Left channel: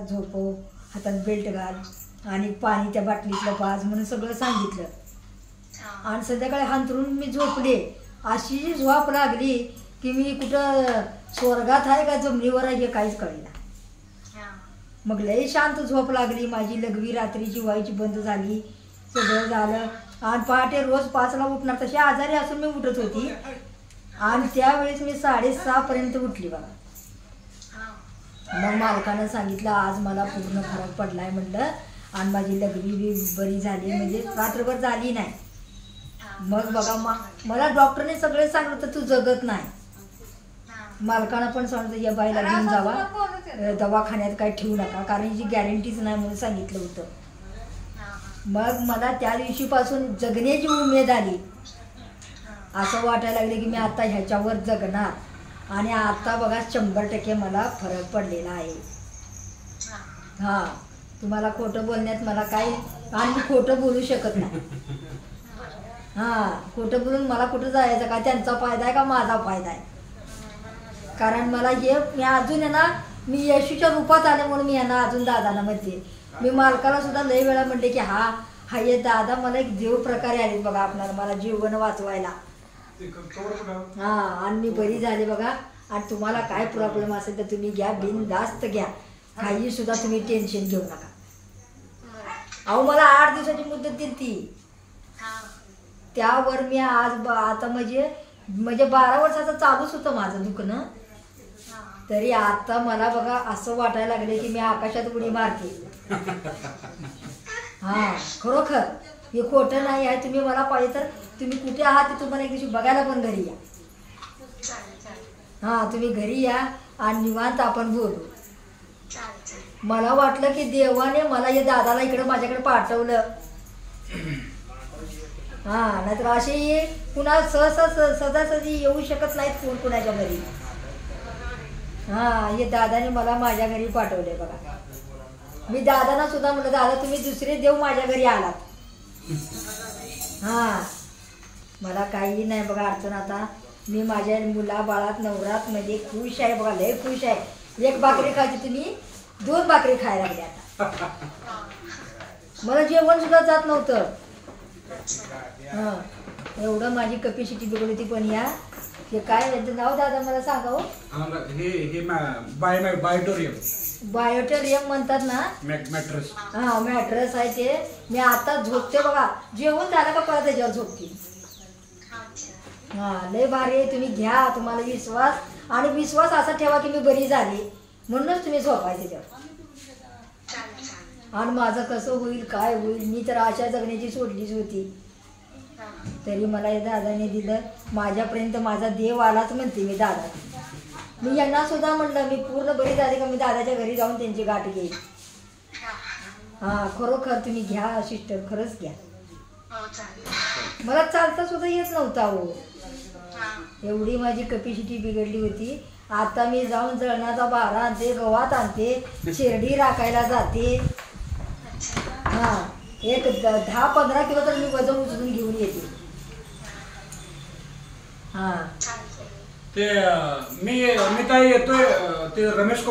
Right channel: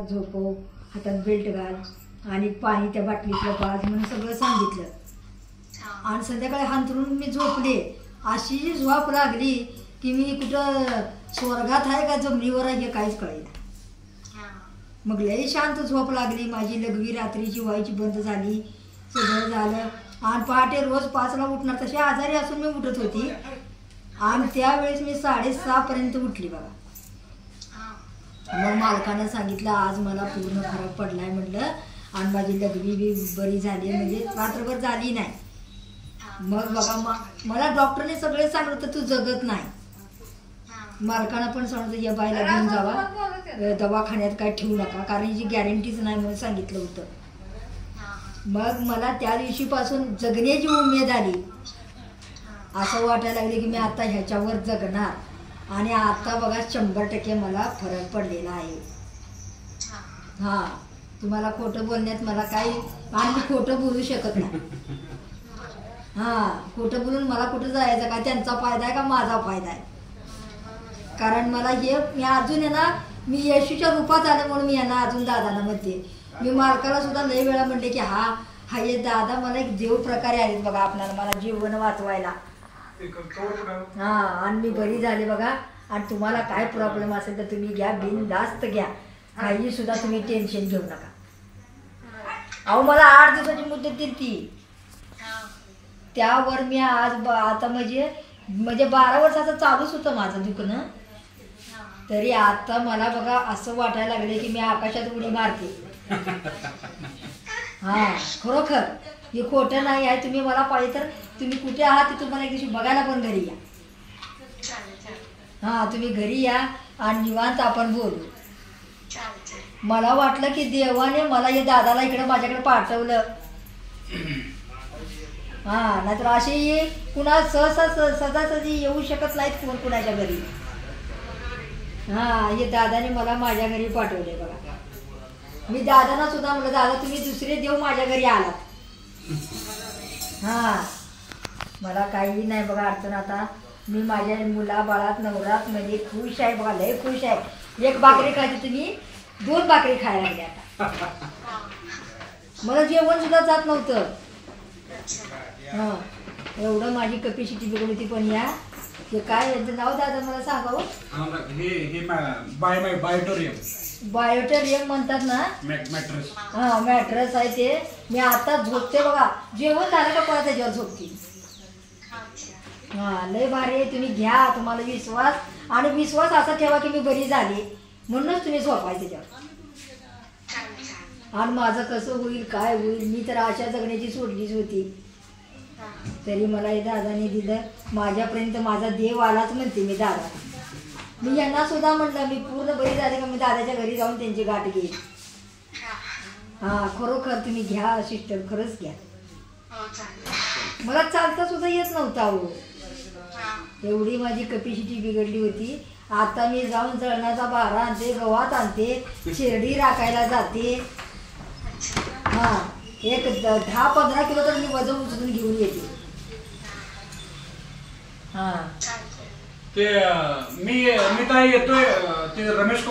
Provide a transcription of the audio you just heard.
झोपव, हातात बेल्ट घाल आणि पाणी त्या बाटलीतलं पाज म्हणून सगळं सांगितलं. आणि संध्याकाळी हांतरून मी झोपले. अशी झोप लागली की मी कुठं स्वर्गात आहे का जमिनीवर आहे हे काहीच कळेना. मग लई शांत झोप लागली माझी. लघवी रात्रीची व्हायची बंद झाली. सगळं झालं आणि पहाटे रोज 5ला उठणार. तशी आजारी असून मी उठत होती आणि त्यावेळेस मी 6:30पर्यंत उठली बघा. मग मालकानं सांगितलं आज मला पूर्ण फरक पडलाय म्हणलं आणि माझी लघवी बी बरी झाली, म्हणजे रात्रभर झाली नाही. मग बघा मला डॉक्टरने सगळे सांगितलं तर तू जगत नाही. मालकानं पण सांगितलं या बाईला घेऊन जावा, दवाखान्यात काय ठेवू नका, कारण हिची गॅरंटीच नाही म्हणून सांगितलं होतं. मग मला त्या दिवशीपासून जगण्याची उमेद आली. असं वाटायला लागले की मी आता ह्याच्यावर जगणार आणि आता बघा 100% मला फरक पडलेला आहे. हां, तुम्हाला खोटं बोलण्यात मला काही, आणि मी खोटं बोलू शकत नाही. हां, खोटं बोलून मला कुठं जायचं का? त्यांचा फायदा आहे का माझा फायदा आहे? कारण मला हे मी अजून आहे ना, मी येशूच्या रूपात आले म्हणून मी यांना अजून दादाला म्हणते. मी मालकाला सुद्धा लई वेळा म्हणते की हा ये दादा मला एक देव प्रकारे आलेत बघा आपल्याला, मला जीवन वाचवायला. हां, आणि मी बरी झाले बघा. आणि तुम्हाला काय प्रॉब्लेम असेल तर तुम्ही घ्या, बिनधास्त घ्या, काही सुद्धा तुम्ही टेन्शन घेऊ नका. अहो मला 8 दिवसाची मुदत दिली ती, त्यावर मी आज आता म्हणजे 12 वर्षाचं चालूच होतं माझं दुखणं. तरी आता मला बघा असं वाटायला लागले की मी आकाशात उडी मारते. हां, खरोखर हे खोटं नाही आहे. तुम्ही मला पाहिजे तर तुम्ही कुठे आहात ते तुम्हाला एक दिवशी बघायला पण घरी या. हां, तुम्ही घरी या आणि निवांत आपण बोलू. मला वाटलं की देवाने मला हे दादाला इकडे माझ्याकडे पाठवलं. हां, नाहीतर अशी कुणा सहजासहजी येऊ शकत नाहीत कोण कुणाच्या घरी. हां, हे दादाने मला माझ्या घरी पाठवले बघा. मी दादांना सुद्धा म्हटलं दादा तुम्ही दुसरे देव माझ्या घरी आलात. हां, मला काही नाही बघा अडचण. आता मी माझ्या मुलाबाळात नवरात मध्ये खुश आहे बघा, लय खुश आहे. 1 भाकरी खायची तुम्ही 2 भाकरी खायला लागली आता. मला जेवण सुद्धा जात नव्हतं. हां, एवढं माझी कपॅसिटी बिघडली होती. पण या हे काय याचं नाव दादा मला सांगावं? बायोटेरियम म्हणतात ना, मॅट्रेस. हां, मॅट्रेस आहे ते. मी आता झोपते बघा, जेवण झालं का परत त्याच्यावर झोपते. हां, लय भारी आहे. तुम्ही घ्या, तुम्हाला विश्वास, आणि विश्वास असा ठेवा की मी बरी झाली म्हणूनच तुम्ही झोपाय त्याच्यावर. आणि माझं कसं होईल काय होईल, मी तर आशा जगण्याची सोडलीच होती. तरी मला हे दादाने दिलं. माझ्यापर्यंत माझा देव आलाच म्हणते मी दादा. मी यांना सुद्धा म्हटलं मी पूर्ण बरी झाली का मी दादाच्या घरी जाऊन त्यांची गाठ घेईन. हां, खरोखर तुम्ही घ्या सिस्टर, खरंच घ्या. मला चालता सुद्धा येत नव्हता हो, एवढी माझी कपॅसिटी बिघडली होती. आता मी जाऊन जळणाचा बारा आणते, गव्हात आणते, शेरडी राखायला जाते. हां, एक 10-15 किलो तर मी वजन उचलून घेऊन येते. हां, ते मी ताई येतोय ते रमेश